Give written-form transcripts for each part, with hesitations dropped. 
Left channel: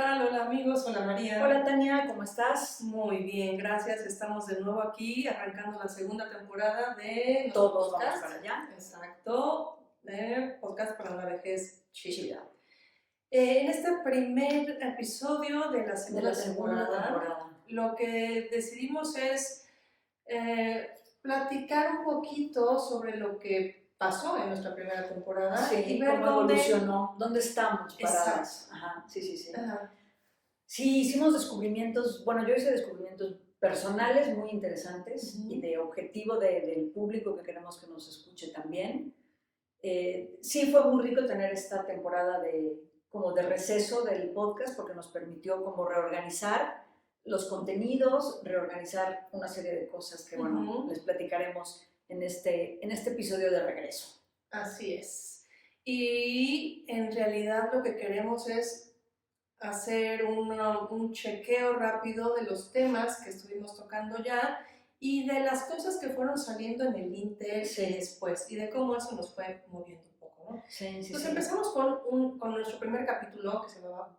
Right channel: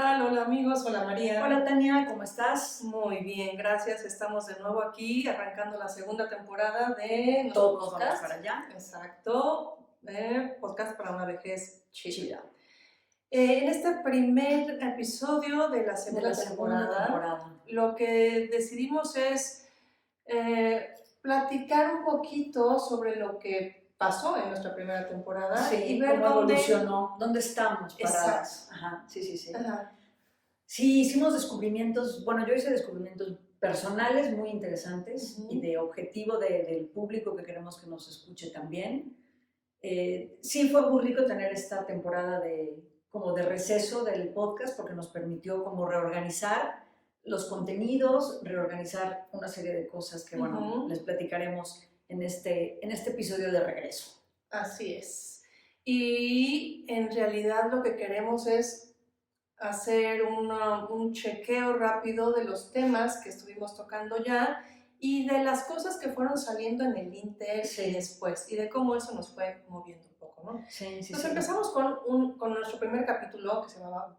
tal? Hola amigos, hola María. Hola Tania, ¿cómo estás? Muy bien, gracias. Estamos de nuevo aquí arrancando la segunda temporada de nuestro Todos podcast. vamos para allá. Exacto, podcast para una vejez chida. En este primer episodio de la segunda temporada, lo que decidimos es platicar un poquito sobre lo que pasó en nuestra primera temporada. Sí, y ver cómo evolucionó, dónde estamos paradas. Exacto. Ajá, sí. Ajá. Sí, hicimos descubrimientos, bueno, yo hice descubrimientos personales muy interesantes y de objetivo del público que queremos que nos escuche también. Sí fue muy rico tener esta temporada como de receso del podcast porque nos permitió como reorganizar los contenidos, reorganizar una serie de cosas que, bueno, les platicaremos en este episodio de regreso. Así es. Y en realidad lo que queremos es hacer un chequeo rápido de los temas que estuvimos tocando ya y de las cosas que fueron saliendo en el Inter y después, y de cómo eso nos fue moviendo un poco, ¿no? Sí. Entonces empezamos con nuestro primer capítulo que se llama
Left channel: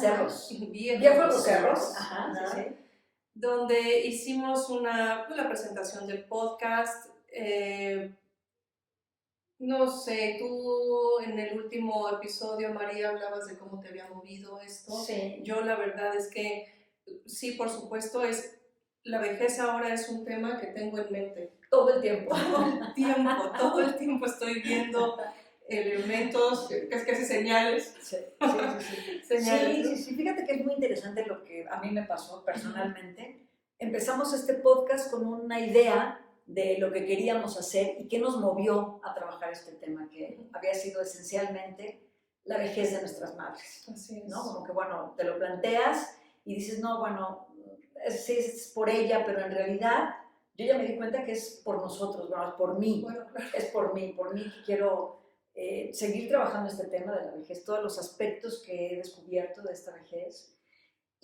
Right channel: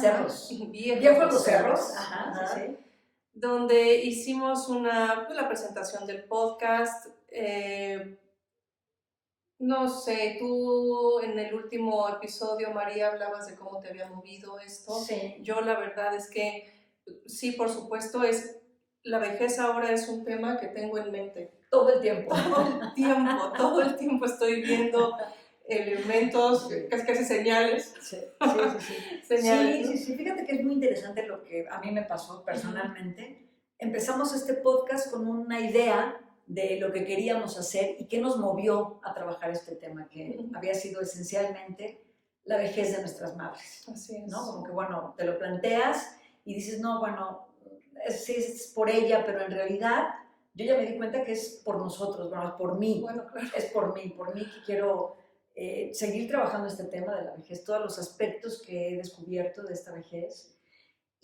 Cerros. Viejos los cerros. Ajá. Sí. Donde hicimos la presentación del podcast. No sé, tú en el último episodio, María, hablabas de cómo te había movido esto. Sí. Yo la verdad es que sí, por supuesto, la vejez ahora es un tema que tengo en mente. Todo el tiempo. Todo el tiempo estoy viendo elementos, casi señales. Sí. Señales. Sí, fíjate que es muy interesante lo que a mí me pasó personalmente. Empezamos este podcast con una idea de lo que queríamos hacer y qué nos movió a trabajar este tema, que había sido esencialmente la vejez de nuestras madres. Así es. ¿No? Como que, bueno, te lo planteas y dices, no, bueno, sí es por ella, pero en realidad yo ya me di cuenta que es por nosotros, bueno, es por mí. Bueno, claro. Es por mí que quiero seguir trabajando este tema de la vejez, todos los aspectos que he descubierto de esta vejez.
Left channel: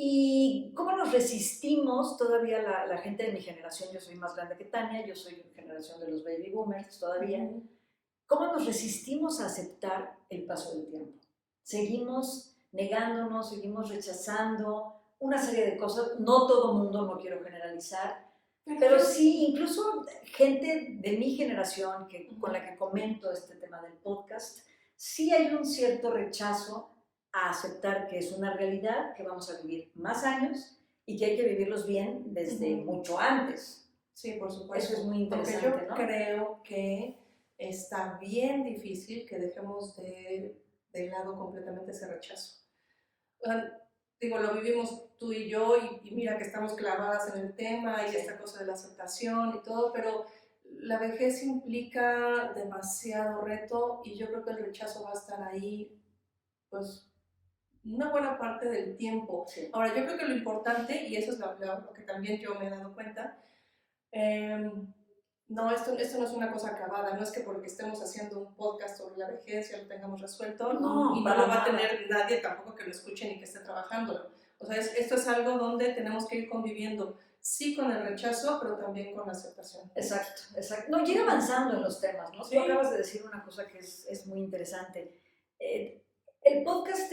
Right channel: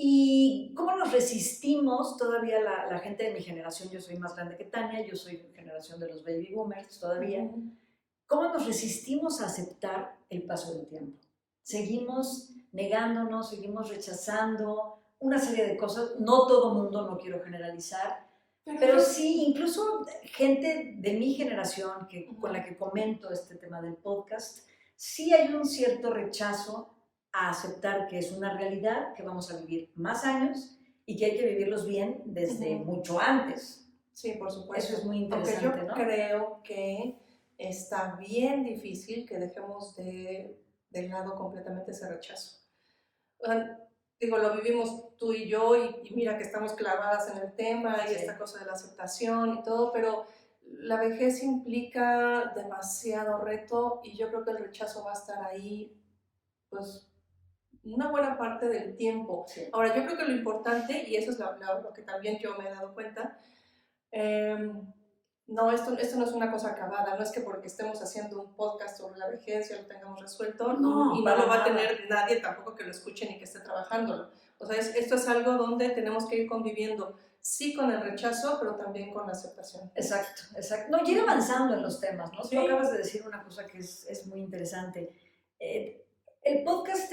¿Y cómo nos resistimos todavía la gente de mi generación? Yo soy más grande que Tania, yo soy generación de los baby boomers todavía. ¿Cómo nos resistimos a aceptar el paso del tiempo? Seguimos negándonos, seguimos rechazando una serie de cosas. No todo mundo, no quiero generalizar, pero sí, incluso gente de mi generación con la que comento este tema del podcast, sí hay un cierto rechazo a aceptar que es una realidad, que vamos a vivir más años y que hay que vivirlos bien desde mucho antes. Sí, por supuesto. Eso es muy interesante, porque yo ¿no? creo que está bien difícil que dejemos de lado completamente ese rechazo. Digo, lo vivimos tú y yo y mira que estamos clavadas en el tema y esta cosa de la aceptación y todo, pero la vejez implica demasiado reto y yo creo que el rechazo va a estar ahí pues una buena parte del tiempo. Sí. Ahora, yo creo que lo importante, y eso es lo que también yo me he dado cuenta, no, esto no es una cosa acabada, no es que porque estemos haciendo un podcast sobre la vejez ya lo tengamos resuelto, No, y no lo va a tener nadie tampoco que lo escuche ni que esté trabajándolo. O sea, esto es algo donde tenemos que ir conviviendo, sí con el rechazo, pero también con la aceptación. Exacto. No, y ir avanzando en los temas, ¿no? Sí. Tú acabas de decir una cosa que es muy interesante. El podcast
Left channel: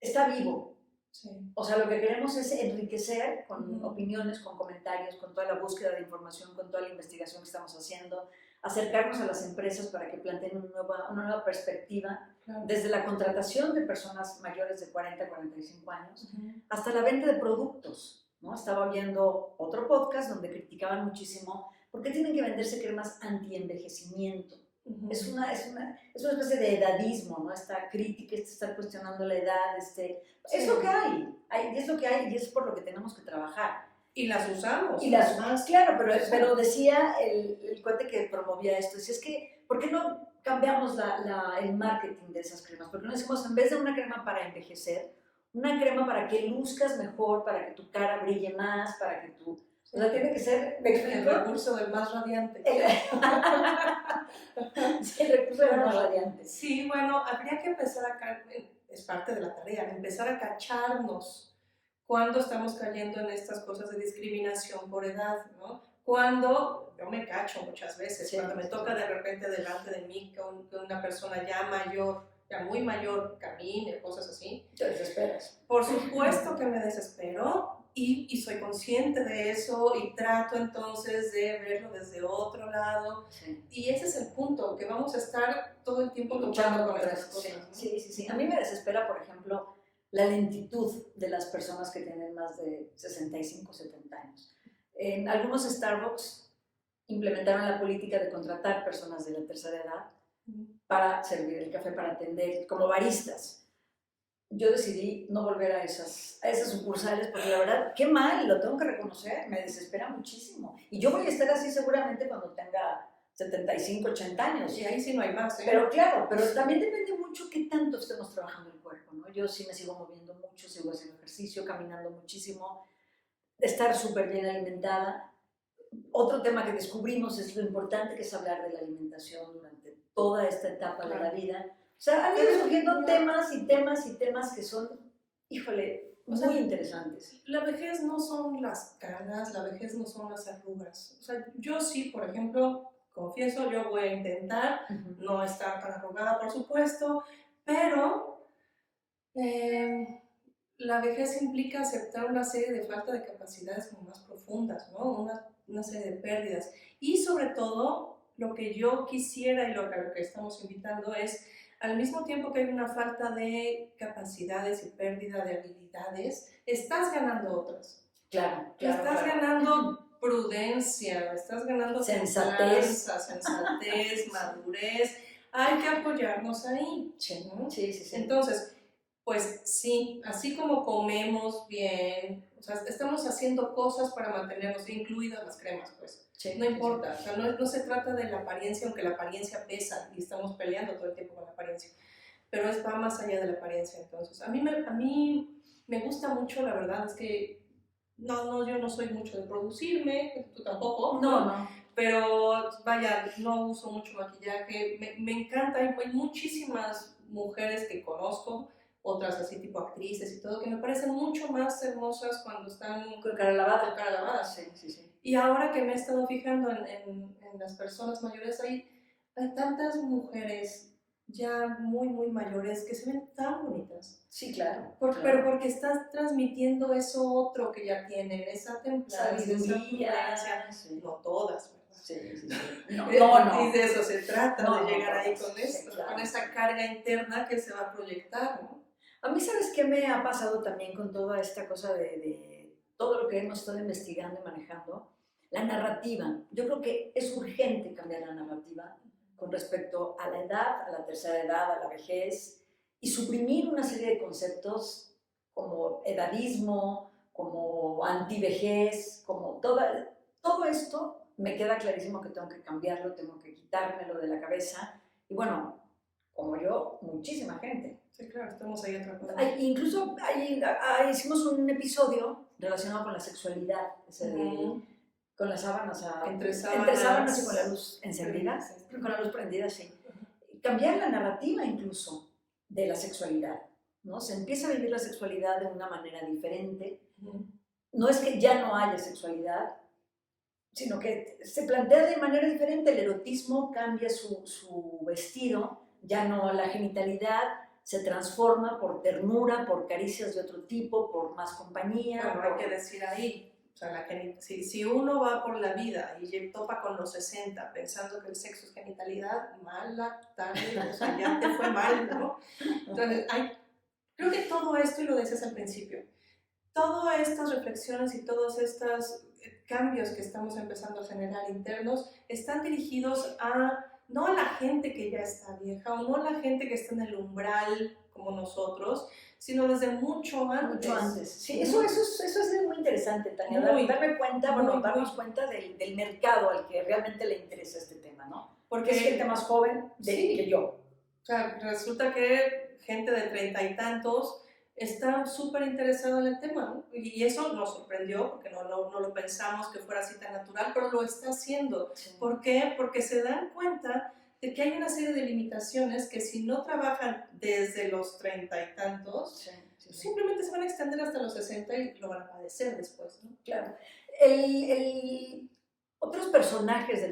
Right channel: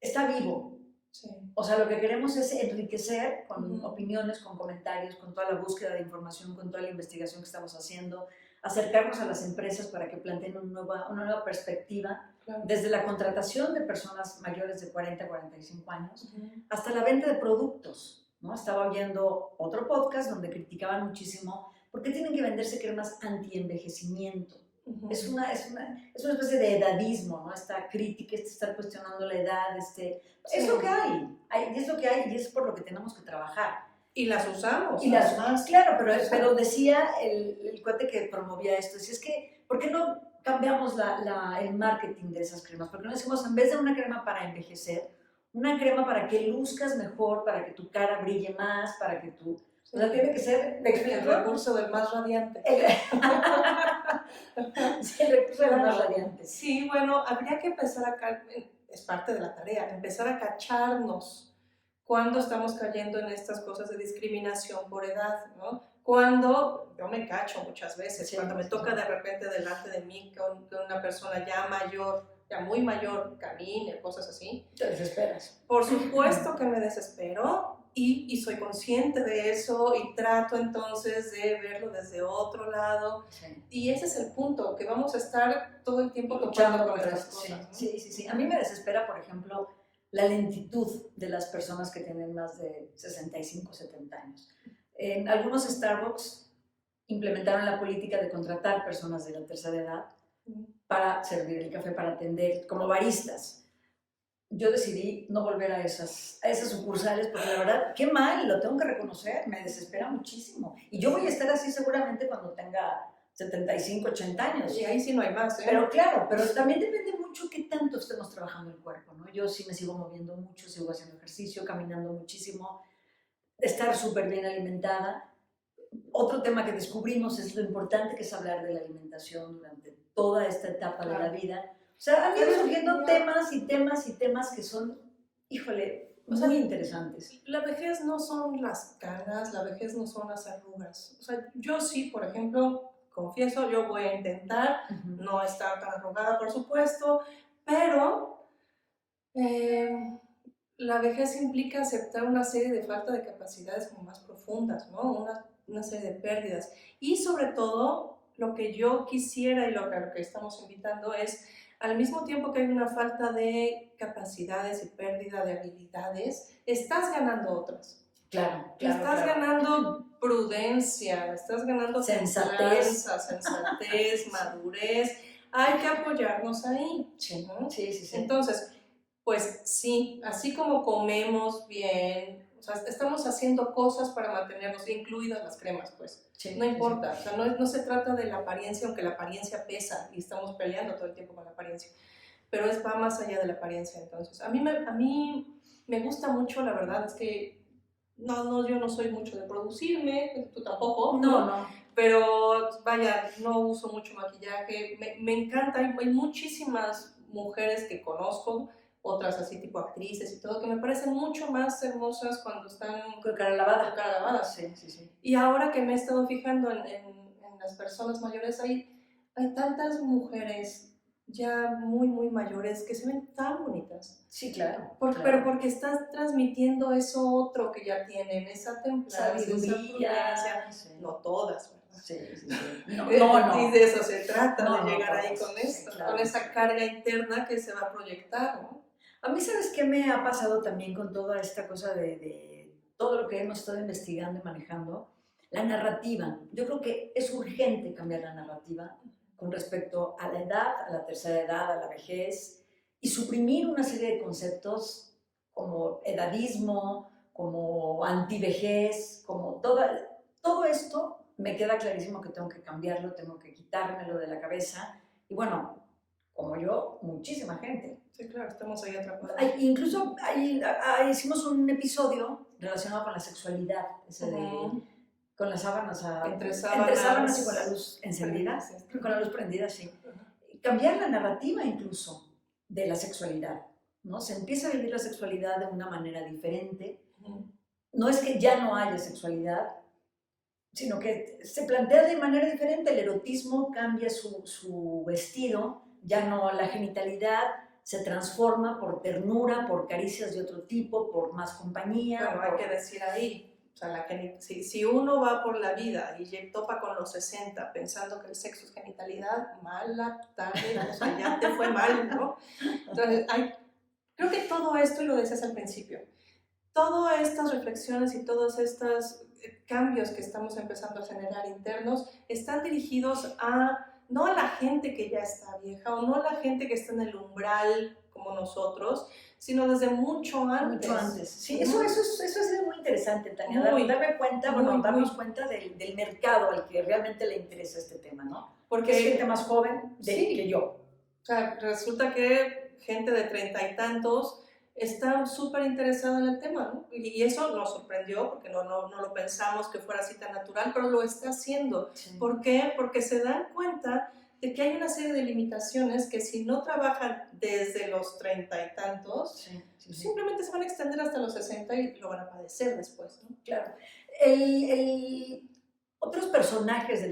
está vivo. Sí. O sea, lo que queremos es enriquecer con opiniones, con comentarios, con toda la búsqueda de información, con toda la investigación que estamos haciendo, acercarnos a las empresas para que planteen una nueva perspectiva, desde la contratación de personas mayores de 40 a 45 años, hasta la venta de productos, ¿no? Estaba oyendo otro podcast donde criticaban muchísimo por qué tienen que venderse cremas anti-envejecimiento. Es una especie de edadismo, ¿no? Esta crítica, estar cuestionando la edad, es lo que hay, es lo que hay y es por lo que tenemos que trabajar. Y las usamos. Y las más, claro, pero decía el cuate que promovía esto, decía, es que, ¿por qué no cambiamos el marketing de esas cremas? ¿Por qué no decimos, en vez de una crema para envejecer, una crema para que luzcas mejor, para que tu cara brille más, para que tu... O sea, tiene que ser... El recurso del más radiante. Sí, el recurso del más radiante. Sí, bueno, habría que empezar es parte de la tarea, empezar a cacharnos cuando estamos cayendo en estas cosas de discriminación por edad, ¿no? Cuando, yo me cacho muchas veces, cuando me toca de repente delante de mí con una persona ya mayor, ya muy mayor camine, cosas así. Te desesperas. Por supuesto que me desespero y soy consciente de eso y trato entonces de verlo desde otro lado. Sí. Y ese es el punto, que vamos a estar todo el tiempo Luchando con contra estas eso. cosas. ¿No? Sí, sí, sí. A mí me desespera, por ejemplo, la lentitud de las personas que tienen más de 65, 70 años. En algunos Starbucks implementaron la política de contratar personas de la tercera edad para servir el café, para atender como baristas. Yo decidí no volver a esas sucursales porque la verdad, qué mal, lo tengo que reconocer, me desespera muchísimo. Y yo voy a estar así seguramente cuando tenga 75, 80 años. Y ahí sí no hay más, ¿eh? Pero claro, pero también depende mucho qué tanto estemos trabajando el cuerpo, ¿no? Yo sí me sigo moviendo mucho, sigo haciendo ejercicio, caminando muchísimo, estar súper bien alimentada. Otro tema que descubrimos es lo importante que es hablar de la alimentación durante toda esta etapa de la vida. O sea, han ido surgiendo temas y temas y temas que son, híjole, muy interesantes. La vejez no son las canas, la vejez no son las arrugas. O sea, yo sí, por ejemplo, confieso, yo voy a intentar no estar tan arrugada, por supuesto, pero la vejez implica aceptar una serie de falta de capacidades como más profundas, ¿no? Una serie de pérdidas. Y sobre todo, lo que yo quisiera y lo que estamos invitando es, al mismo tiempo que hay una falta de capacidades y pérdida de habilidades, estás ganando otras. Claro, Estás ganando prudencia, estás ganando sensatez, madurez. Hay que apoyarnos ahí. Sí, ¿no? Sí, sí, sí. Entonces, pues sí, así como comemos bien, o sea, estamos haciendo cosas para mantenernos, incluidas las cremas, pues. Sí, no importa, o sea, no se trata de la apariencia, aunque la apariencia pesa y estamos peleando todo el tiempo con la apariencia, pero va más allá de la apariencia. Entonces, a mí me gusta mucho, la verdad, es que yo no soy mucho de producirme, tú tampoco. No. Pero vaya, no uso mucho maquillaje, me encanta, hay muchísimas mujeres que conozco, otras así tipo actrices y todo, que me parecen mucho más hermosas cuando están con cara lavada. Con cara lavada. Sí, sí, sí. Y ahora que me he estado fijando en las personas mayores, hay tantas mujeres ya muy, muy mayores que se ven tan bonitas. Sí, claro. Pero porque estás transmitiendo eso otro que ya tienen, esa templanza, esa prudencia. Sí. No todas, ¿verdad? Sí. No. Y de eso se trata, no, de llegar no, ahí con esto, sí, claro. con esa carga interna que se va a proyectar, ¿no? A mí, ¿sabes qué me ha pasado también con toda esta cosa de todo lo que hemos estado investigando y manejando? La narrativa. Yo creo que es urgente cambiar la narrativa con respecto a la edad, a la tercera edad, a la vejez, y suprimir una serie de conceptos como edadismo, como antivejez, como todo esto me queda clarísimo que tengo que cambiarlo, tengo que quitármelo de la cabeza. Y bueno, como yo, muchísima gente. Sí, claro, estamos ahí atrapados. Incluso hicimos un episodio relacionado con la sexualidad, con las sábanas, entre sábanas y con la luz encendida, con la luz prendida, sí. Cambiar la narrativa incluso de la sexualidad, ¿no? Se empieza a vivir la sexualidad de una manera diferente. No es que ya no haya sexualidad, sino que se plantea de manera diferente. El erotismo cambia su vestido, ya no la genitalidad se transforma por ternura, por caricias de otro tipo, por más compañía. Pero hay que decir ahí, o sea, si uno va por la vida y topa con los 60 pensando que el sexo es genitalidad, mala tarde, o sea, ya te fue mal, ¿no? Entonces, creo que todo esto, y lo decías al principio, todas estas reflexiones y todos estos cambios que estamos empezando a generar internos están dirigidos no a la gente que ya está vieja o no a la gente que está en el umbral como nosotros, sino desde mucho antes. Mucho antes. Sí, eso ha sido muy interesante, Tania, darnos cuenta del mercado al que realmente le interesa este tema, ¿no? Porque es gente más joven que yo. O sea, resulta que gente de 30 y tantos está súper interesada en el tema, ¿no? Y eso nos sorprendió porque no lo pensamos que fuera así tan natural, pero lo está haciendo. Sí. ¿Por qué? Porque se dan cuenta de que hay una serie de limitaciones que si no trabajan desde los 30 y tantos, simplemente se van a extender hasta los 60 y lo van a padecer después, ¿no? Claro. Otros personajes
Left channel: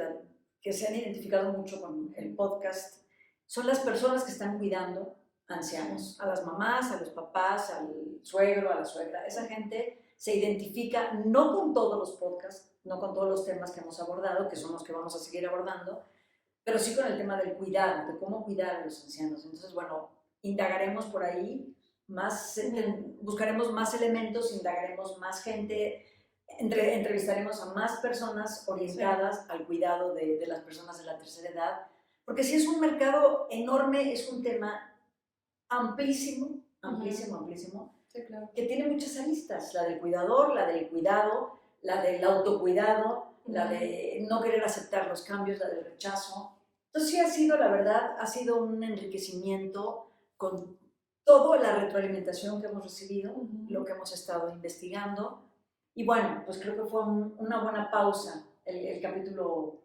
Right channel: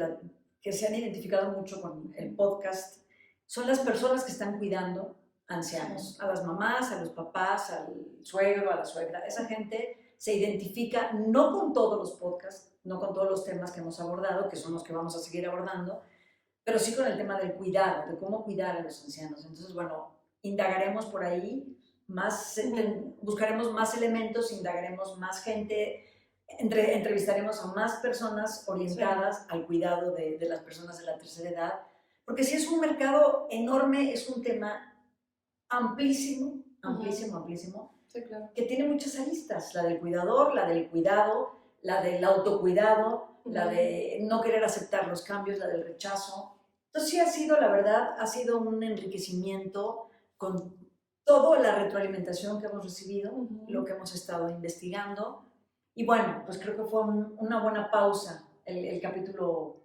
que se han identificado mucho con el podcast son las personas que están cuidando ancianos, a las mamás, a los papás, al suegro, a la suegra. Esa gente se identifica no con todos los podcasts, no con todos los temas que hemos abordado, que son los que vamos a seguir abordando, pero sí con el tema del cuidado, de cómo cuidar a los ancianos. Entonces, bueno, indagaremos por ahí, buscaremos más elementos, indagaremos más gente, entrevistaremos a más personas orientadas al cuidado de las personas de la tercera edad, porque sí es un mercado enorme, es un tema amplísimo, amplísimo, amplísimo, Sí, claro. que tiene muchas aristas, la del cuidador, la del cuidado, la del autocuidado, la de no querer aceptar los cambios, la del rechazo. Entonces sí ha sido, la verdad, ha sido un enriquecimiento con toda la retroalimentación que hemos recibido, lo que hemos estado investigando. Y bueno, pues creo que fue una buena pausa el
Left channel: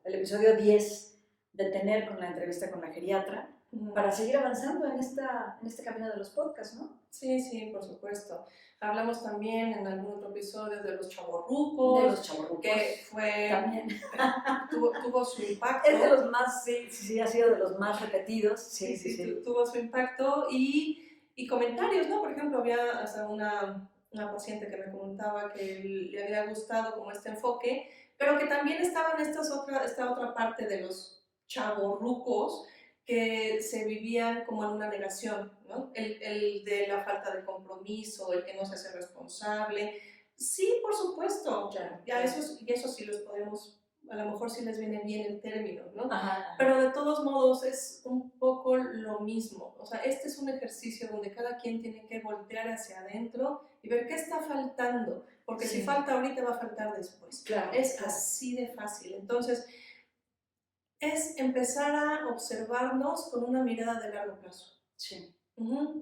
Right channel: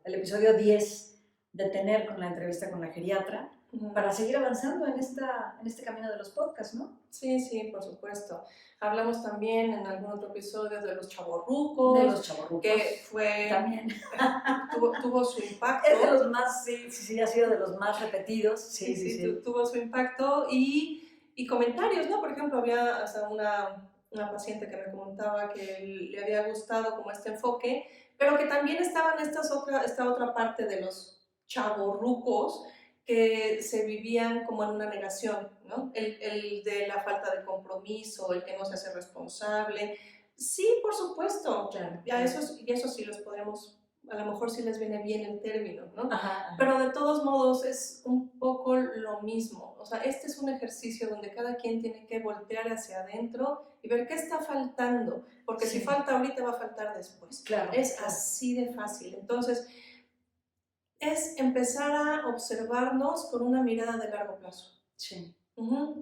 episodio 10 de tener con la entrevista con la geriatra, para seguir avanzando en este camino de los podcasts, ¿no? Sí, sí, por supuesto. Hablamos también en algún otro episodio de los chavorrucos. De los chavorrucos. Que fue... También. tuvo su impacto. Es de los más, sí, ha sido de los más repetidos. Sí. Tuvo su impacto y comentarios, ¿no? Por ejemplo, había hasta una paciente que me comentaba que le había gustado como este enfoque, pero que también estaba en esta otra parte de los chavorrucos que se vivían como en una negación, ¿no? El de la falta de compromiso, el que no se hace responsable. Sí, por supuesto. Claro. Y eso sí los podemos, a lo mejor sí les viene bien el término, ¿no? Ajá. Pero de todos modos es un poco lo mismo. O sea, este es un ejercicio donde cada quien tiene que voltear hacia adentro y ver qué está faltando, porque si falta ahorita va a faltar después. Claro. Es así de fácil. Entonces, es empezar a observarnos con una mirada de largo plazo. Sí.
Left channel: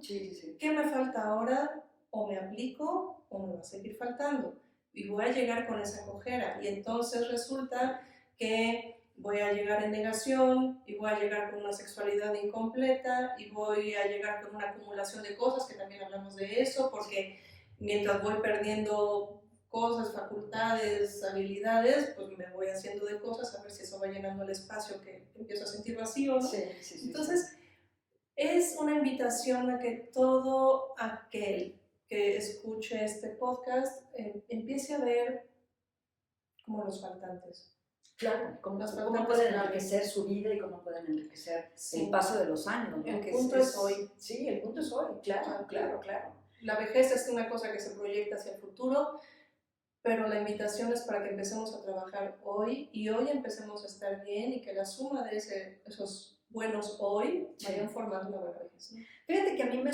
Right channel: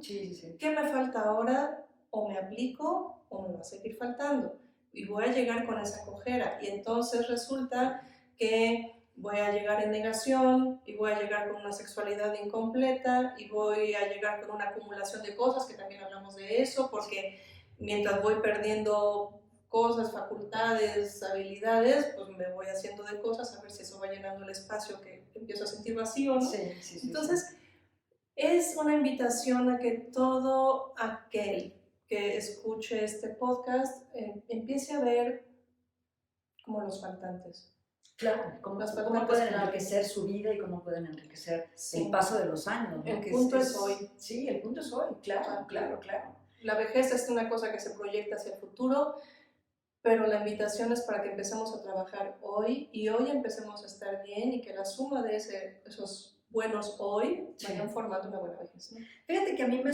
Sí. ¿Qué me falta ahora? ¿O me aplico o me va a seguir faltando? Y voy a llegar con esa cojera. Y entonces resulta que voy a llegar en negación y voy a llegar con una sexualidad incompleta y voy a llegar con una acumulación de cosas, que también hablamos de eso, porque mientras voy perdiendo cosas, facultades, habilidades, pues me voy haciendo de cosas a ver si eso va llenando el espacio que empiezo a sentir vacío, ¿no? Sí. Entonces, es una invitación a que todo aquel que escuche este podcast empiece a ver como los faltantes. Claro, cómo pueden enriquecer su vida y cómo pueden enriquecer el paso de los años, ¿no? El punto es hoy. Sí, el punto es hoy, claro. La vejez es una cosa que se proyecta hacia el futuro, pero la invitación es para que empecemos a trabajar hoy y hoy empecemos a estar bien y que la suma de esos buenos hoy vayan formando una buena vejez, ¿no? Fíjate que a mí me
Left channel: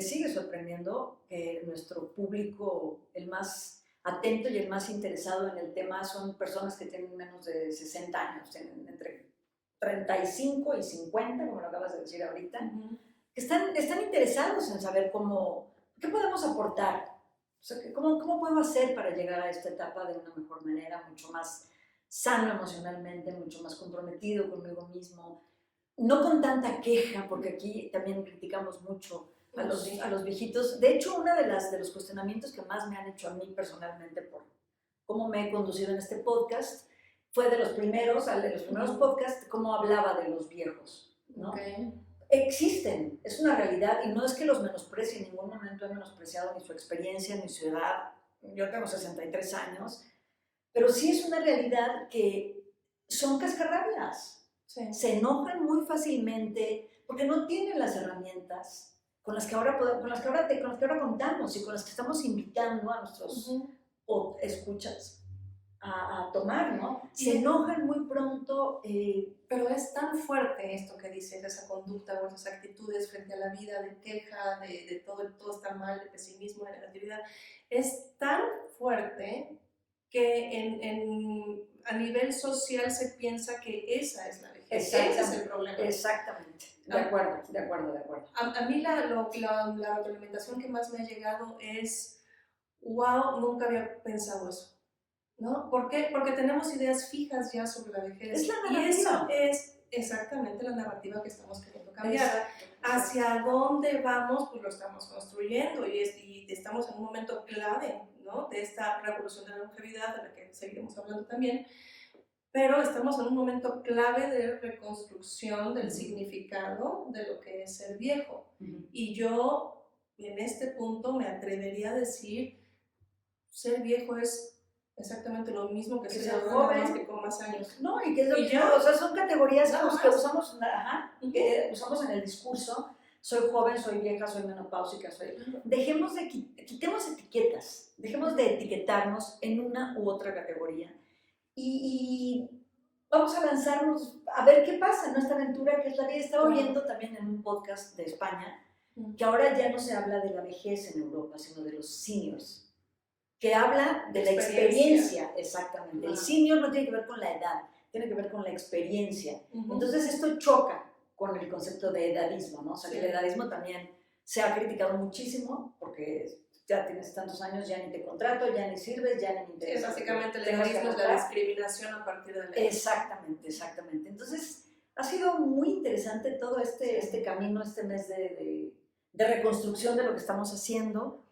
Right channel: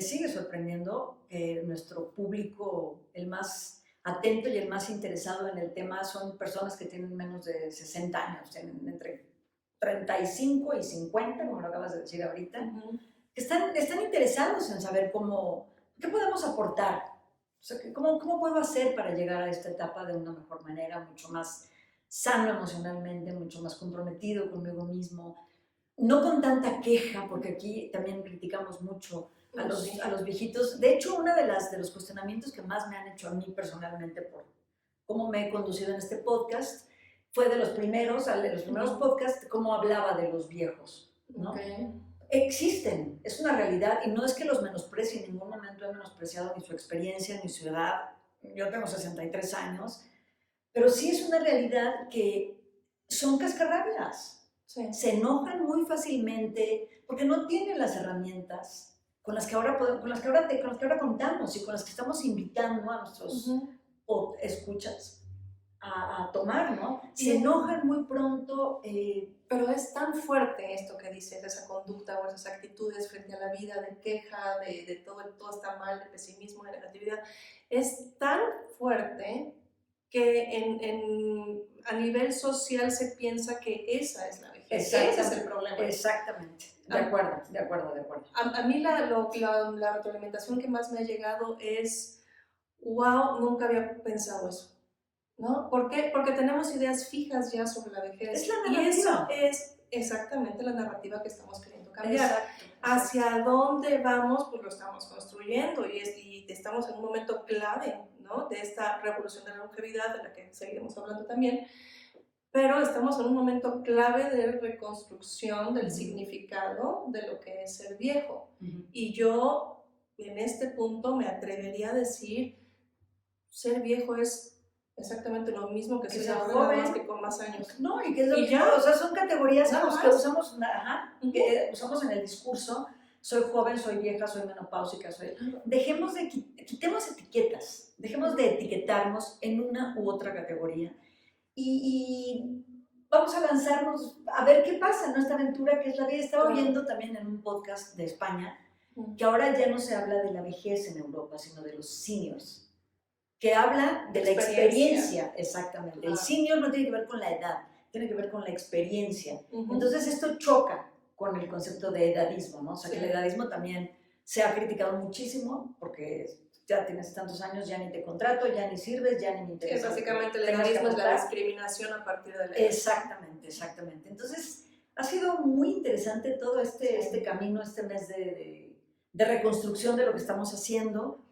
sigue sorprendiendo que nuestro público, el más atento y el más interesado en el tema, son personas que tienen menos de 60 años, entre 35 y 50, como lo acabas de decir ahorita, que están interesados en saber qué podemos aportar. O sea, ¿cómo puedo hacer para llegar a esta etapa de una mejor manera, mucho más sano emocionalmente, mucho más comprometido conmigo mismo? No con tanta queja, porque aquí también criticamos mucho a los viejitos. De hecho, uno de los cuestionamientos que más me han hecho a mí personalmente por cómo me he conducido en este podcast fue de los primeros podcasts, cómo hablaba de los viejos, ¿no? Existen, es una realidad y no es que los menosprecie, en ningún momento he menospreciado ni su experiencia ni su edad. Yo tengo 63 años, pero sí es una realidad que son cascarrabias. Sí. Se enojan muy fácilmente porque no tienen las herramientas con las que ahora contamos y con las que estamos invitando a nuestros escuchas a tomar, ¿no? Se enojan muy pronto. Pero es tan fuerte esto que dices, esa conducta o esas actitudes frente a la vida de queja, de todo está mal, de pesimismo, de negatividad. Es tan fuerte que a nivel social se piensa que esa es la vejez. Ese es el problema. Exactamente. De acuerdo. A mí la retroalimentación que más me ha llegado es, wow, nunca había pensado eso, ¿no? ¿Por qué? Porque tenemos ideas fijas ya sobre la vejez. Es la narrativa. Y eso es exactamente la narrativa que estamos queriendo cambiar. Exacto. Hacia dónde vamos, pues lo estamos construyendo y estamos en un momento clave, ¿no? De esta revolución de la longevidad, de la que seguiremos hablando también. pero estamos en un momento clave de reconstrucción del significado de lo que es ser viejo. Y yo en este punto me atrevería a decir, ser viejo es exactamente lo mismo que ser joven, más que con más años. No, y que es lo mismo, o sea, son categorías que usamos, que usamos en el discurso. Soy joven, soy vieja, soy menopáusica, quitemos etiquetas, dejemos de etiquetarnos en una u otra categoría y vamos a lanzarnos a ver qué pasa en nuestra aventura que es la vida. Estaba oyendo también en un podcast de España que ahora ya no se habla de la vejez en Europa, sino de los seniors, que habla de la experiencia, exactamente. El senior no tiene que ver con la edad, tiene que ver con la experiencia. Entonces esto choca con el concepto de edadismo, ¿no? O sea, que el edadismo también se ha criticado muchísimo porque ya tienes tantos años, ya ni te contrato, ya ni sirves, ya ni me interesa. Básicamente el edadismo es la discriminación a partir de la edad. Exactamente, exactamente. Entonces ha sido muy interesante todo este camino, este mes de reconstrucción de lo que estamos haciendo.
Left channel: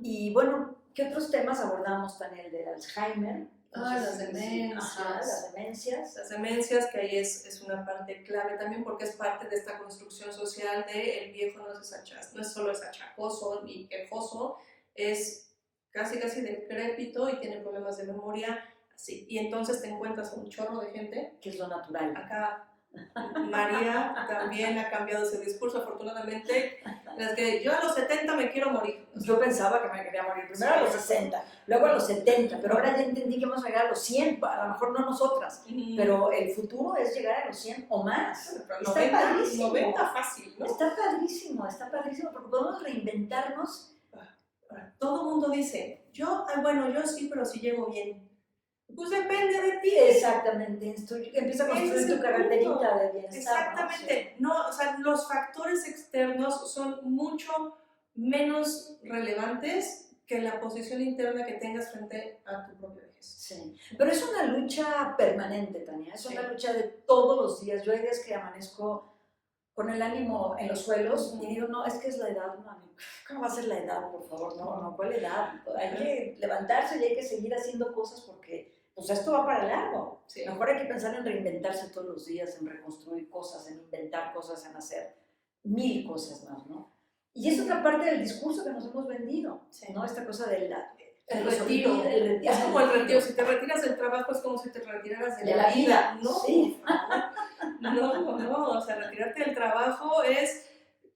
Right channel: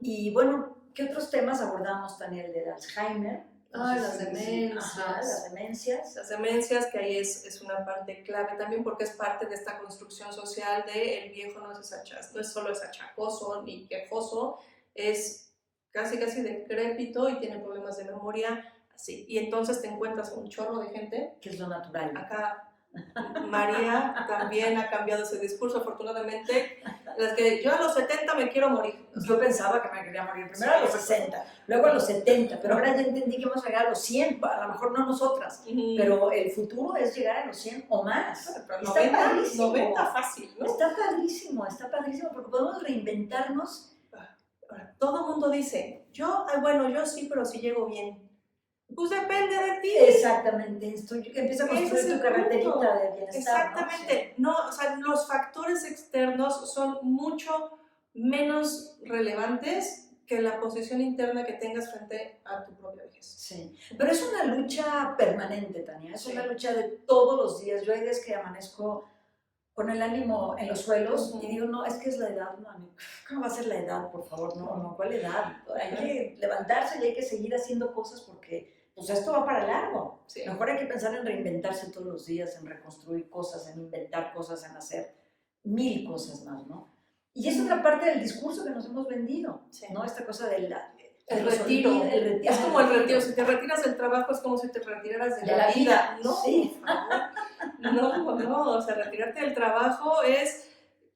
Y bueno, ¿qué otros temas abordamos, Tania? El del Alzheimer. Las demencias. Las demencias. Las demencias, que ahí es una parte clave también porque es parte de esta construcción social de el viejo no es solo es achacoso ni quejoso, es casi decrépito y tiene problemas de memoria, así. Y entonces te encuentras un chorro de gente. Que es lo natural. Acá María también ha cambiado ese discurso, afortunadamente. Es que yo a los 70 me quiero morir. Yo pensaba que me quería morir primero a los 60, luego a los 70, pero ahora ya entendí que vamos a llegar a los 100, a lo mejor no nosotras, pero el futuro es llegar a los 100 o más. Pero 90 fácil, ¿no? Está padrísimo, porque podemos reinventarnos. Ahora, todo el mundo dice, yo sí, pero si llego bien. Pues depende de ti. Exactamente, empieza a construir tu carreterita de bienestar. Exactamente, ¿no? O sea, los factores externos son mucho menos relevantes que la posición interna que tengas frente a tu propia vejez. Sí, pero es una lucha permanente, Tania, es una lucha de todos los días. Yo hay días que amanezco con el ánimo en los suelos y digo, no, es que es la edad, mami. ¿Cómo va a ser la edad, por favor? No, ¿cuál edad? Hay que levantarse y hay que seguir haciendo cosas porque pues esto va para largo. Sí. Mejor hay que pensar en reinventarse todos los días, en reconstruir cosas, en inventar cosas, en hacer 1000 cosas más, ¿no? Y es otra parte del discurso que nos hemos vendido, ¿no? Esta cosa del el retiro. Es como el retiro. Si te retiras del trabajo es como si te retiraras de la vida. No, sí. No. O sea, retirarte del trabajo es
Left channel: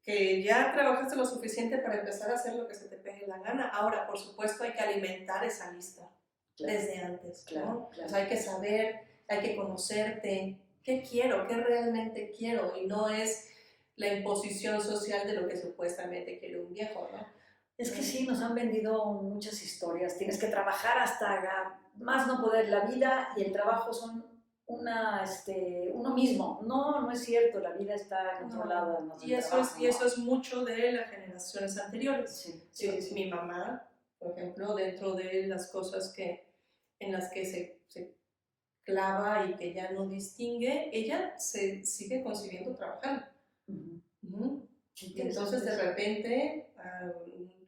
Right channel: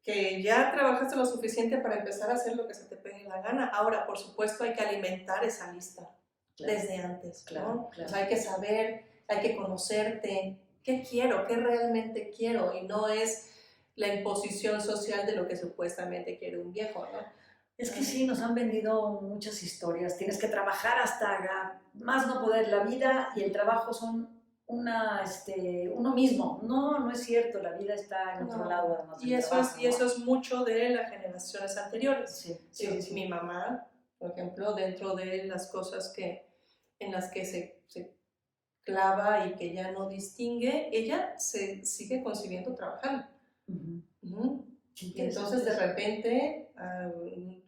que ya trabajaste lo suficiente para empezar a hacer lo que se te pegue la gana. Ahora, por supuesto, hay que alimentar esa lista. Claro. Desde antes, ¿no? Claro. O sea, hay que saber, hay que conocerte, qué quiero, qué realmente quiero, y no es la imposición social de lo que supuestamente quiere un viejo, ¿no? Es que sí, nos han vendido muchas historias, tienes que trabajar hasta más no poder, la vida y el trabajo son uno mismo. No es cierto, la vida está en otro lado además del trabajo. Y eso es mucho de las generaciones anteriores. Sí. Mi mamá, por ejemplo, dentro de las cosas en las que se clava y que ya no distingue, ella se sigue concibiendo trabajando. Y entonces de repente,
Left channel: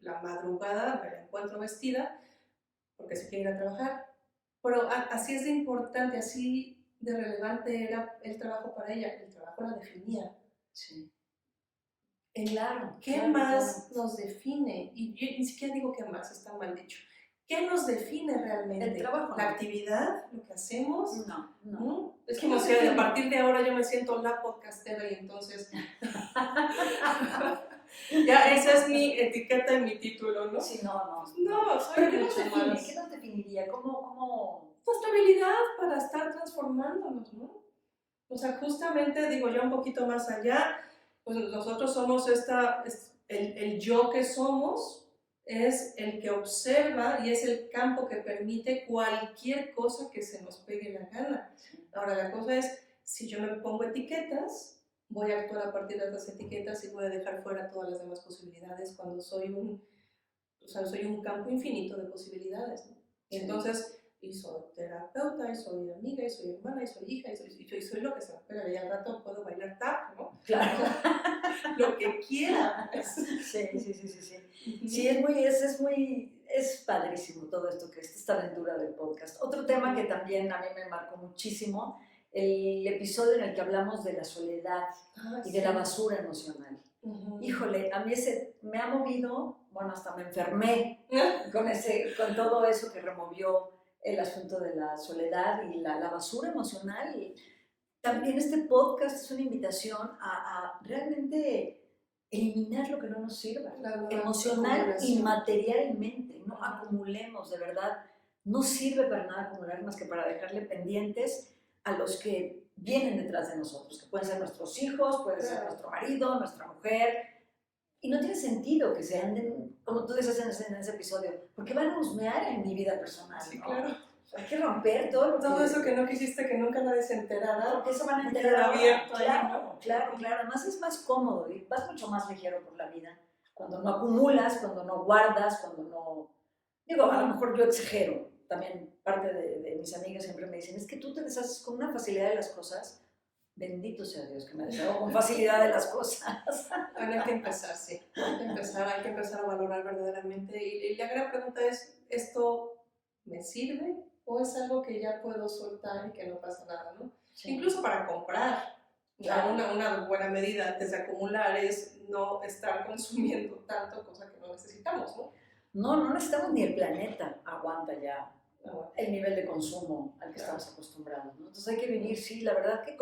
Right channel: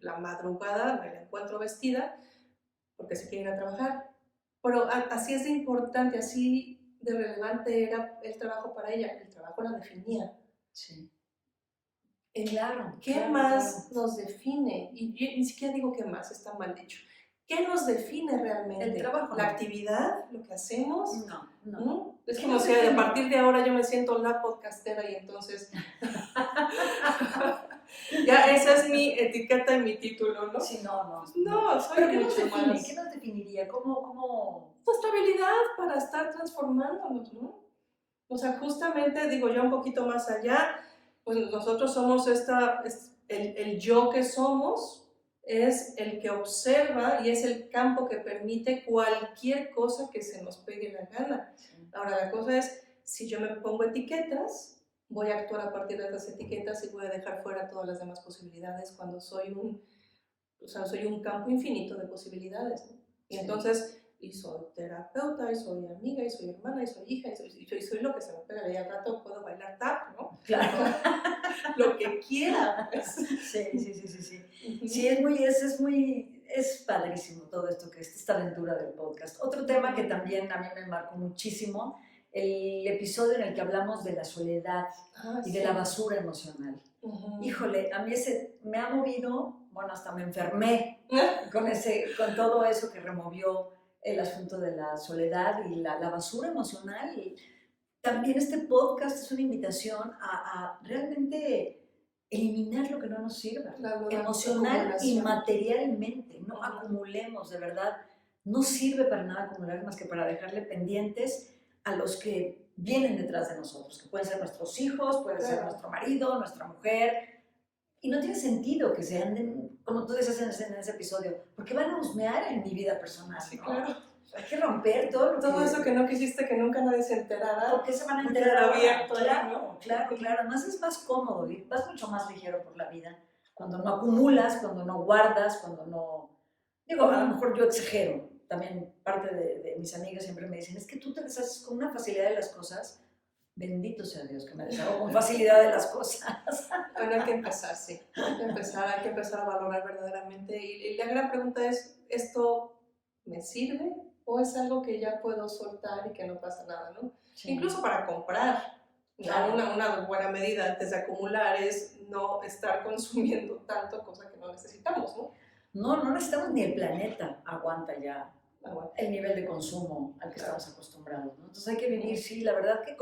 la madrugada me la encuentro vestida porque se quiere ir a trabajar. Pero así es de importante, así de relevante era el trabajo para ella. El trabajo la definía. Sí. Claro. ¿Qué más nos define? Y yo ni siquiera digo qué más, está mal dicho. ¿Qué nos define realmente? El trabajo. ¿La actividad? ¿Lo que hacemos? No. Es como si a partir de ahora yo me siento la podcastera y entonces... ya, esa es mi etiqueta y mi título, ¿no? Sí, no. Soy ¿Pero mucho más. ¿Qué nos definiría? ¿Cómo? La estabilidad para estar transformándonos, ¿no? O sea, justamente, digo yo un poquito más allá, pues nosotros somos el yo que somos, es el que observa y es el campo que permite cualquier cosa que se nos pegue la gana. Ahora, la cosa es, si yo me pongo etiquetas, voy a actuar a partir de esas etiquetas y voy a dejar fuera todas las demás posibilidades cuando soy un campo infinito de posibilidades, ¿no? Y entonces, y soy terapeuta, y soy amiga, y soy hermana, y soy hija, y soy lo que se me pega. Y al rato puedo bailar tap, ¿no? Claro. Lo que quiera. Sí. Sí, es es padrísimo todo esto, que es esta aventura del podcast. Otro tema que también a mí me marcó muchísimo, el episodio en el que hablamos de la soledad y de la basura emocional. Híjole, a mí ese me ha movido, bueno, hasta me enfermé con todo eso que removió el asunto de la soledad y la basura emocional. Y también este podcast es una invitación a realmente eliminar lo que no nos sirva, emocional y materialmente. No acumulemos, de verdad. No sirve para nada acumular más que para dejarle pendientes a los que vienen detrás de nosotros, que pueden ser nuestros hijos, pueden ser nuestro marido, nuestra mujer. Y no tiene sentido que se anden, como tú dices en ese episodio, porque van a husmear en mi vida personal, sí, ¿no? Claro. Hay que romper todo eso que no quisiste que nunca nadie se enterara. ¿Por qué se van a enterar abierto? Claro. Además es más cómodo y vas mucho más ligero por la vida cuando no acumulas, cuando no guardas, cuando no... Digo, a lo mejor yo exagero. También parte de mis amigas siempre me dicen, es que tú te deshaces con una facilidad de las cosas. Bendito sea Dios que me deshago con facilidad de las cosas. Bueno, hay que empezar, sí. Hay que empezar a valorar verdaderamente. Y la gran pregunta es, ¿esto me sirve o es algo que ya puedo soltar y que no pasa nada, ¿no? Sí. Incluso para comprar. Claro. Una buena medida antes de acumular es no estar consumiendo tanto, cosa que no necesitamos, ¿no? No necesitamos ni el planeta aguanta ya el nivel de consumo al que estamos acostumbrados, ¿no? Entonces hay que vivir, sí, la verdad que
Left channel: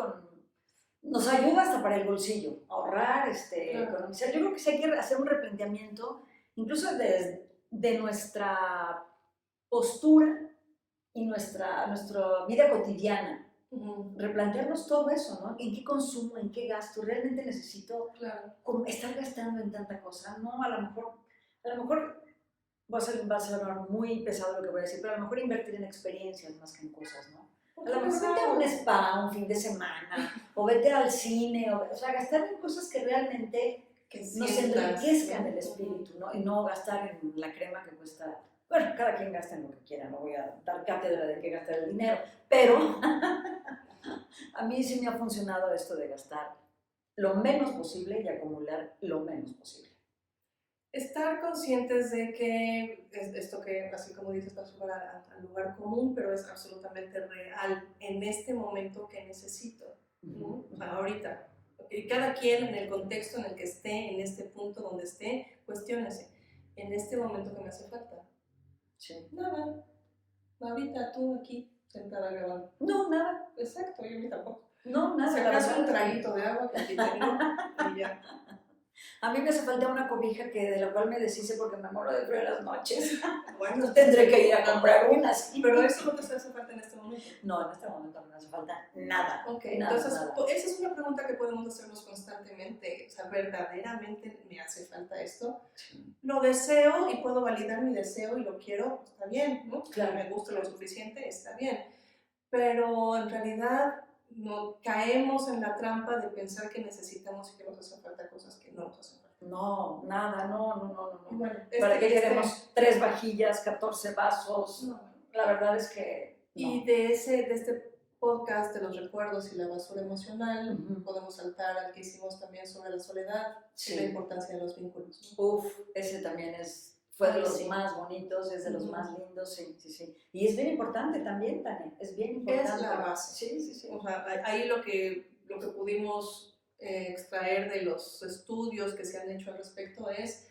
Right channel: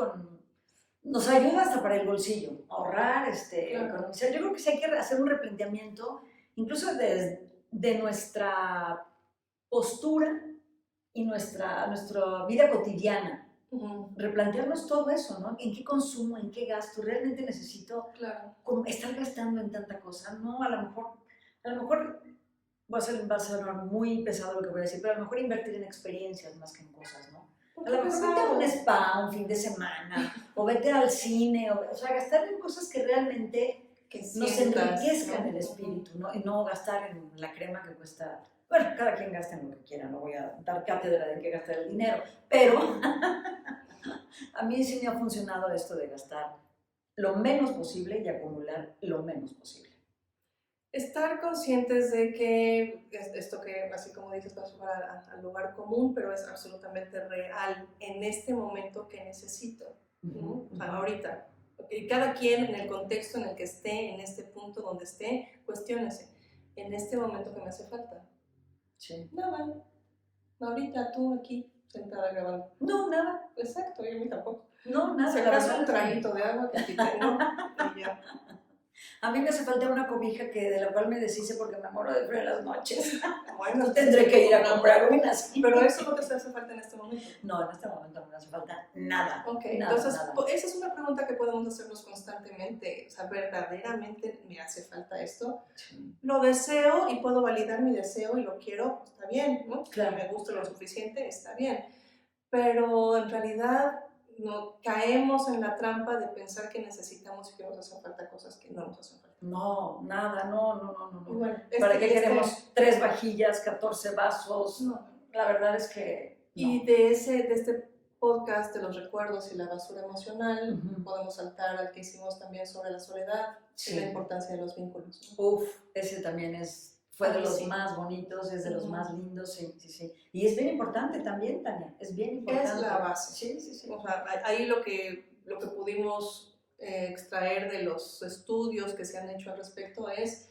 nos ayuda hasta para el bolsillo, ahorrar, economizar. Yo creo que sí hay que hacer un replanteamiento, incluso de nuestra postura y nuestra vida cotidiana. Replantearnos todo eso, ¿no? ¿En qué consumo, en qué gasto? ¿Realmente necesito estar gastando en tanta cosa? No, a lo mejor va a ser muy pesado lo que voy a decir, pero a lo mejor invertir en experiencias más que en cosas, ¿no? A lo mejor vete a un spa un fin de semana, o vete al cine, o sea, gastar en cosas que realmente nos enriquezcan el espíritu, ¿no? Y no gastar en la crema que cuesta... Bueno, cada quien gasta en lo que quiera, no voy a dar cátedra de qué gastar el dinero, pero a mí sí me ha funcionado esto de gastar lo menos posible y acumular lo menos posible. Estar conscientes de que esto que, así como dices, va a sonar al lugar común, pero es absolutamente real en este momento que necesito, ¿no? O sea, ahorita. Y cada quien en el contexto en el que esté, en este punto donde esté, cuestiónese. En este momento que me hace falta. Sí. Nada. Ahorita tú aquí, sentada grabando. No, nada. Exacto, yo a mí tampoco. No, nada. Se acaso un traguito de agua que aquí tengo y ya. A mí me hace falta una cobija de la cual me deshice porque me muero de frío en las noches. Bueno, tendré que ir a comprar unas. Pero eso no te hace falta en este momento. No, en este momento no me hace falta nada. Ok, nada, entonces nada. Esa es una pregunta que podemos hacernos constantemente. O sea, ¿verdaderamente me hace falta esto? Sí. Lo deseo y puedo validar mi deseo y lo quiero, está bien, ¿no? Claro. Si me gusta lo suficiente, está bien. Pero en realidad caemos en la trampa de pensar que necesitamos y que nos hacen falta cosas que no nos hacen falta. No, nada, no. Bueno, ¿para qué queremos 3 vajillas, 14 vasos? No. La verdad es que no. Y de este podcast de los recuerdos y la basura emocional, podemos saltar al que hicimos también sobre la soledad y la importancia de los vínculos, ¿no? Uf, ese también fue de los más bonitos, es de los más lindos, sí. Y es bien importante también, Tania, es bien importante. Es la base. Sí. O sea, ahí lo que pudimos extraer de los estudios que se han hecho al respecto es,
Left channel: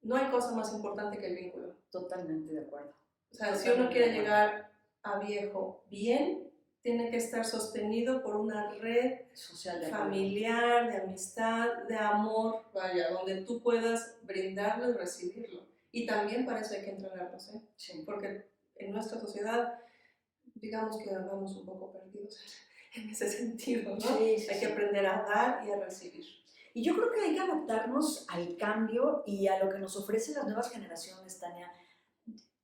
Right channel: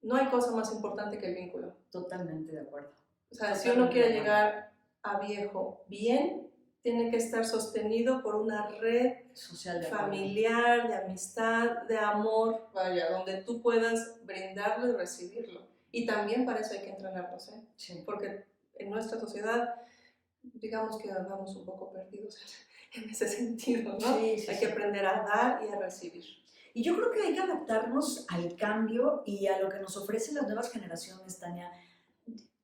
no hay cosa más importante que el vínculo. Totalmente de acuerdo. O sea, si uno quiere llegar a viejo bien, tiene que estar sostenido por una red social, familiar, de amistad, de amor, vaya, donde tú puedas brindarlo y recibirlo. Y también para eso hay que entrenarnos, ¿eh? Sí. Porque en nuestra sociedad, digamos que andamos un poco perdidos en ese sentido, ¿no? Sí, hay que aprender a dar y a recibir. Y yo creo que hay que adaptarnos al cambio y a lo que nos ofrecen las nuevas generaciones, Tania.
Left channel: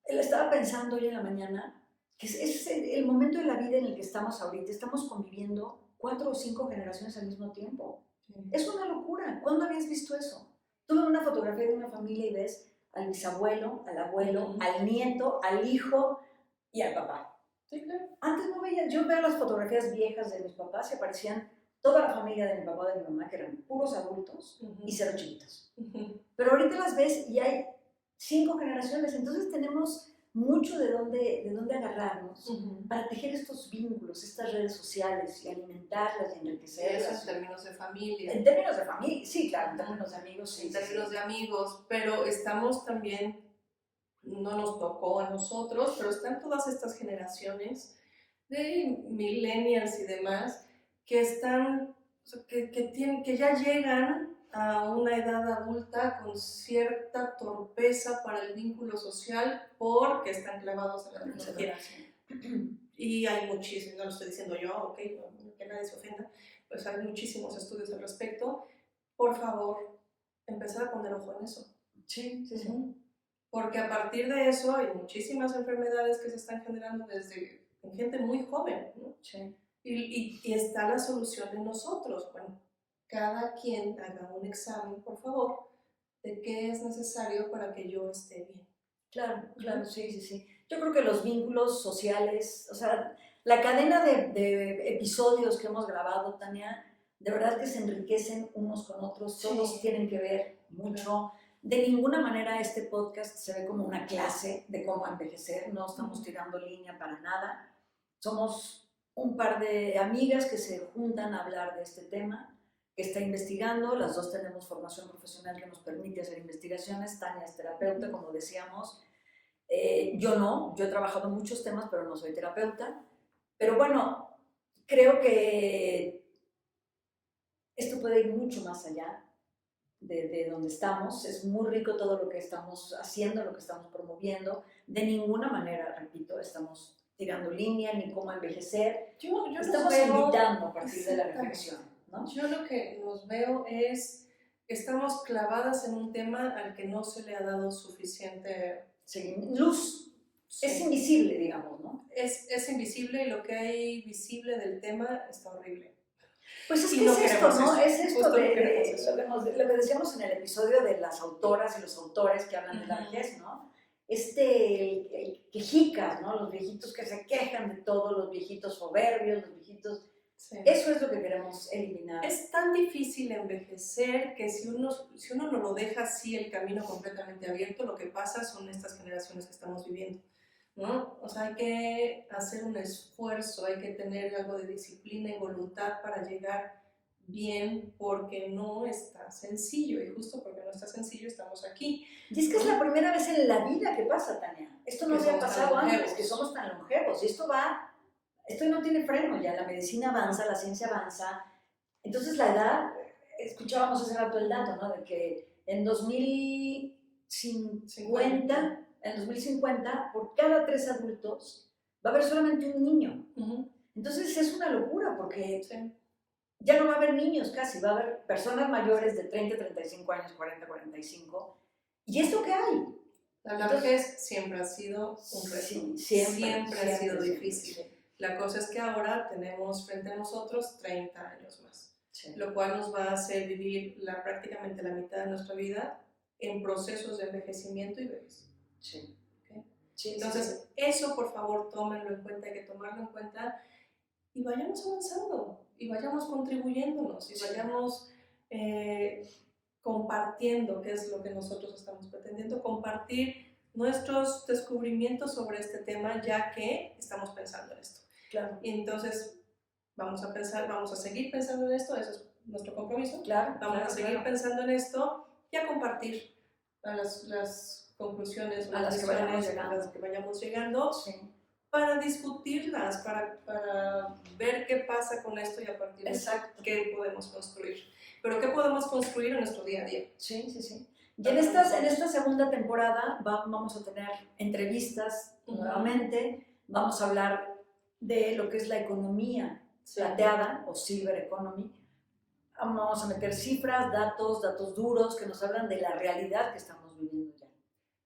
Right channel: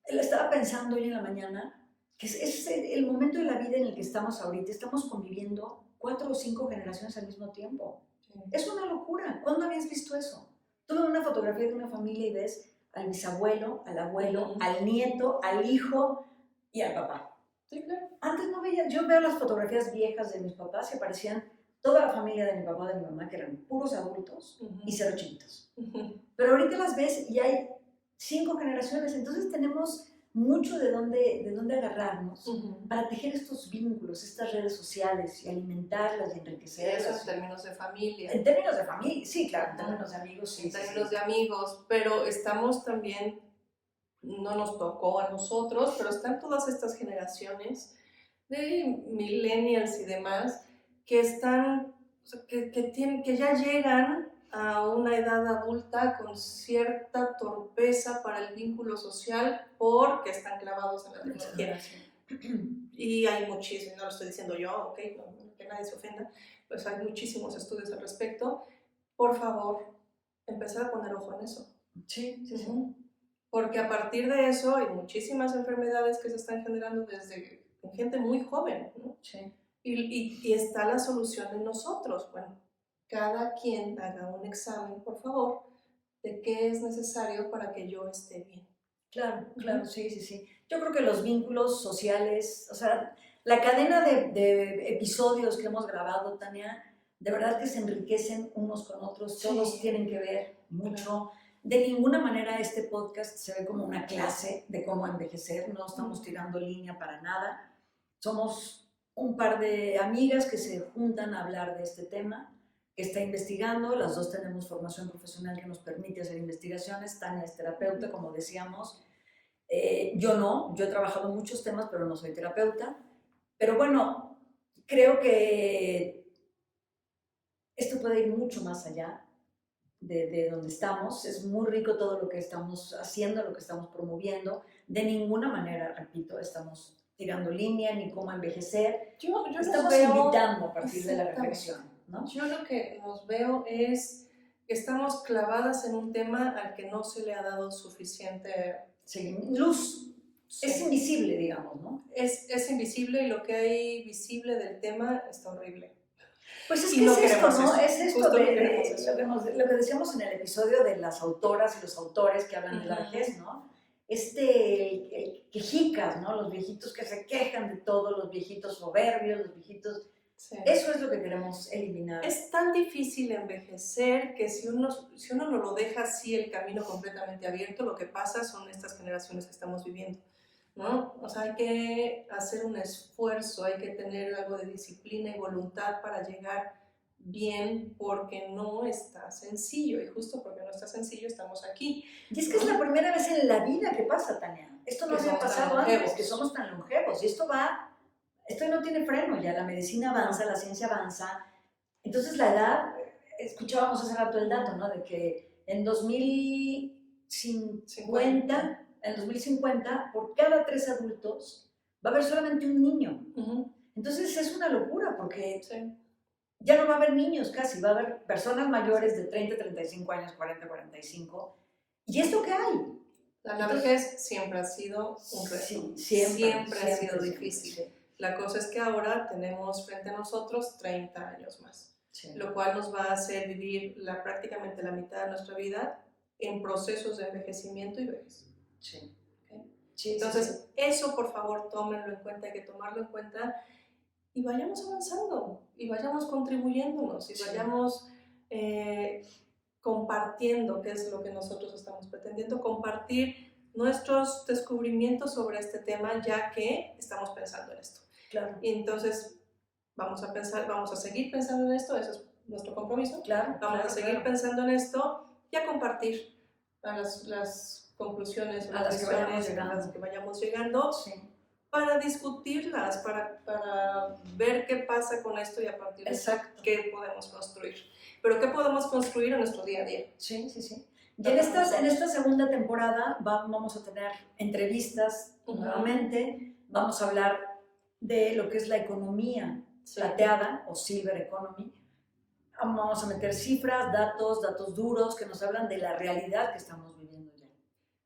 Él estaba pensando hoy en la mañana que es el momento de la vida en el que estamos ahorita. Estamos conviviendo 4 o 5 generaciones al mismo tiempo. Sí. Es una locura. ¿Cuándo habías visto eso? Tú ves una fotografía de una familia y ves al bisabuelo, al abuelo, al nieto, al hijo y al papá. Sí, claro. Antes no veía, yo veo las fotografías viejas de mis papás y aparecían toda la familia de mi papá y de mi mamá, que eran puros adultos y 0 chiquitos. Pero ahorita las ves y hay 5 generaciones. Entonces tenemos mucho de dónde agarrarnos para tejer estos vínculos, estas redes sociales y alimentarlas y enriquecerlas. Eso en términos de familia. En términos de familia, sí, claro, en términos de amigos, sí. En términos de amigos, pero estamos también, no nos tocó a nosotros, pero están todas estas generaciones de millennials y demás que están, que ya llegan a una edad adulta con cierta torpeza para el vínculo social porque están clavados en la tecnología. Y hay muchísimos, no lo estoy diciendo yo, ok, no, que nadie se ofenda, pues hay muchísimos estudios al respecto. Por favor, empezar a poner ojo en eso. Sí, sí, sí. Porque a partir de eso hay muchísimas enfermedades que se están generando desde gente muy joven, ¿no? Sí. Y está la solución en nosotros. Bueno, cada quien haga un examen, por favor, de qué es necesario para que yo esté bien. Claro, claro, sí, sí, sí. Yo creo que los vínculos sociales, o sea, la cadena de episodios que hemos grabado, Tania, de verdad que se enriquecen unos con otros, todos tienen que ver mucho. Claro. De ninguna manera este podcast se ve como una clase de cómo envejecer, no estamos tirando línea para nada. Somos un par de amigas que se juntan a hablar de este tema, que está investigando, las dos tenemos formación profesional que nos permite hacer investigaciones, Tania es terapeuta, como decíamos, yo no, yo he trabajado muchos temas, pero no soy terapeuta, pero bueno, creo que esto puede ir mucho más allá de donde estamos, es muy rico todo lo que estamos haciendo, lo que estamos promoviendo, de ninguna manera, repito, estamos tirando línea ni cómo envejecer, yo estamos invitando a partir de la reflexión, ¿no? Yo lo que nos veo es que estamos clavadas en un tema al que no se le ha dado suficiente luz. Sí. Es invisible, digamos, ¿no? Es invisible y lo que hay visible del tema está horrible. Pues es que no es esto, ¿no? Es esto lo que decíamos en el episodio de las autoras y los autores que hablan de la vejez, ¿no? Quejicas, ¿no? Los viejitos que se quejan de todo, los viejitos soberbios, los viejitos... Sí. Eso es lo que queremos eliminar. Es tan difícil envejecer que si uno no lo deja así el camino completamente abierto, lo que pasa son estas generaciones que estamos viviendo, ¿no? O sea, hay que hacer un esfuerzo, hay que tener algo de disciplina y voluntad para llegar bien, porque no está sencillo, y justo porque no está sencillo estamos aquí. Y es que es la primera vez en la vida que pasa, Tania. Esto no había pasado antes, que somos tan longevos, y esto no tiene freno ya, la medicina avanza, la ciencia avanza. Entonces la edad, escuchábamos hace rato el dato, ¿no? De que en 2050, por cada 3 adultos, va a haber solamente un niño. Entonces es una locura, porque ya no va a haber niños casi, va a haber personas mayores de 30, 35 años, 40, 45. ¿Y esto qué hay? La vejez siempre ha sido un reto, siempre ha sido difícil. La cosa es que ahora tenemos frente a nosotros 30 años más, lo cual nos va a hacer vivir prácticamente la mitad de nuestra vida en procesos de envejecimiento y vejez. Entonces, eso por favor tómenlo en cuenta, hay que tomarlo en cuenta y vayamos avanzando, y vayamos contribuyéndonos, y vayamos compartiendo, que es lo que nosotros estamos pretendiendo, compartir nuestros descubrimientos sobre este tema, ya que estamos pensando en esto. Claro. Y entonces vamos a seguir pensando en esto, eso es nuestro compromiso. Claro, vamos a seguir pensando en esto y a compartir a las conclusiones, a las que vayamos llegando, para discutirlas, para ver qué pasa con esto y a partir de eso qué podemos construir. Pero qué podemos construir en nuestro día a día. Sí. Y en esta segunda temporada vamos a tener entrevistas nuevamente, vamos a hablar de lo que es la economía plateada o silver economy. Vamos a meter cifras, datos duros que nos hablan de la realidad que estamos viviendo ya.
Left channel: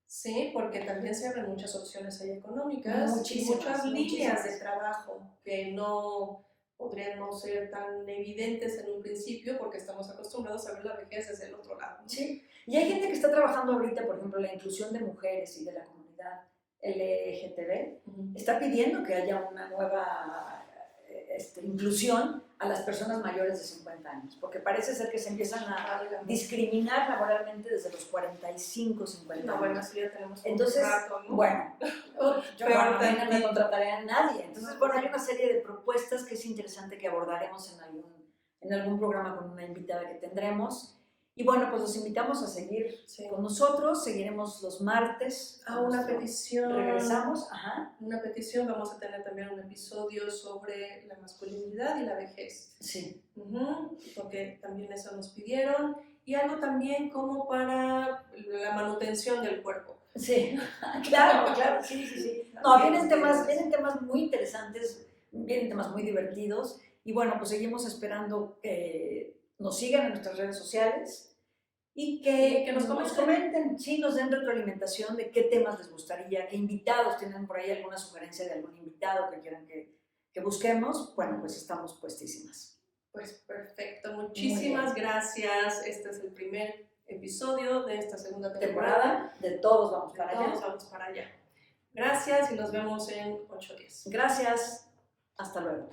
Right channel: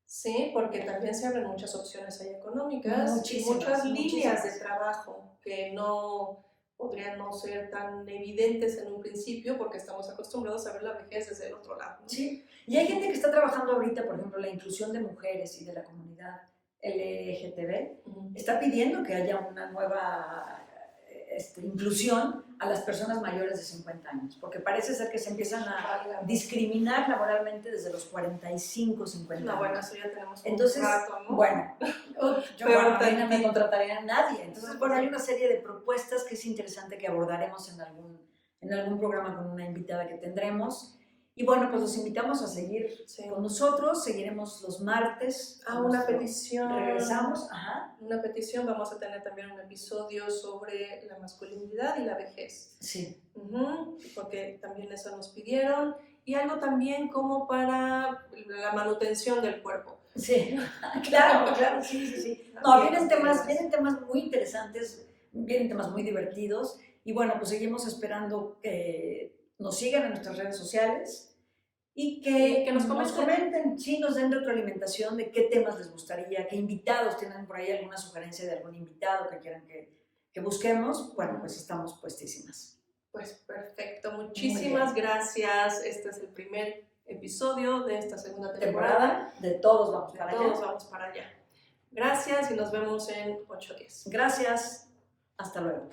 Sí, porque también se abren muchas opciones ahí económicas y muchas líneas de trabajo que no podrían no ser tan evidentes en un principio porque estamos acostumbrados a ver la vejez desde el otro lado, ¿no? Sí, y hay gente que está trabajando ahorita, por ejemplo, la inclusión de mujeres y de la comunidad LGTB, está pidiendo que haya una nueva inclusión a las personas mayores de 50 años, porque parece ser que se empiezan a discriminar laboralmente desde los 45, 50 años. No, bueno, eso ya tenemos un Entonces, rato, ¿no? bueno, yo Pero a mí no me tantito. contrataría a nadie. Entonces, bueno, hay una serie de propuestas que es interesante que abordaremos en algún programa con una invitada que tendremos. Y bueno, pues los invitamos a seguir con nosotros, seguiremos los martes. Una petición. Regresamos, ajá. Una petición, vamos a tener también un episodio sobre la masculinidad y la vejez. Sí. Porque también eso nos pidieron. Y algo también como para la manutención del cuerpo. Sí, claro, sí. No, vienen temas muy interesantes, vienen temas muy divertidos. Y bueno, pues seguimos esperando que nos sigan en nuestras redes sociales y que nos comenten, sí, nos den retroalimentación de qué temas les gustaría, qué invitados tienen por ahí, alguna sugerencia de algún invitado que quieran que busquemos. Bueno, pues estamos puestísimas. Pues perfecto, muchísimas gracias. Este es el primer episodio de esta segunda temporada. De Todos Vamos para Allá. Todos vamos para allá. Gracias y nos vemos en 8 días. Gracias, hasta luego.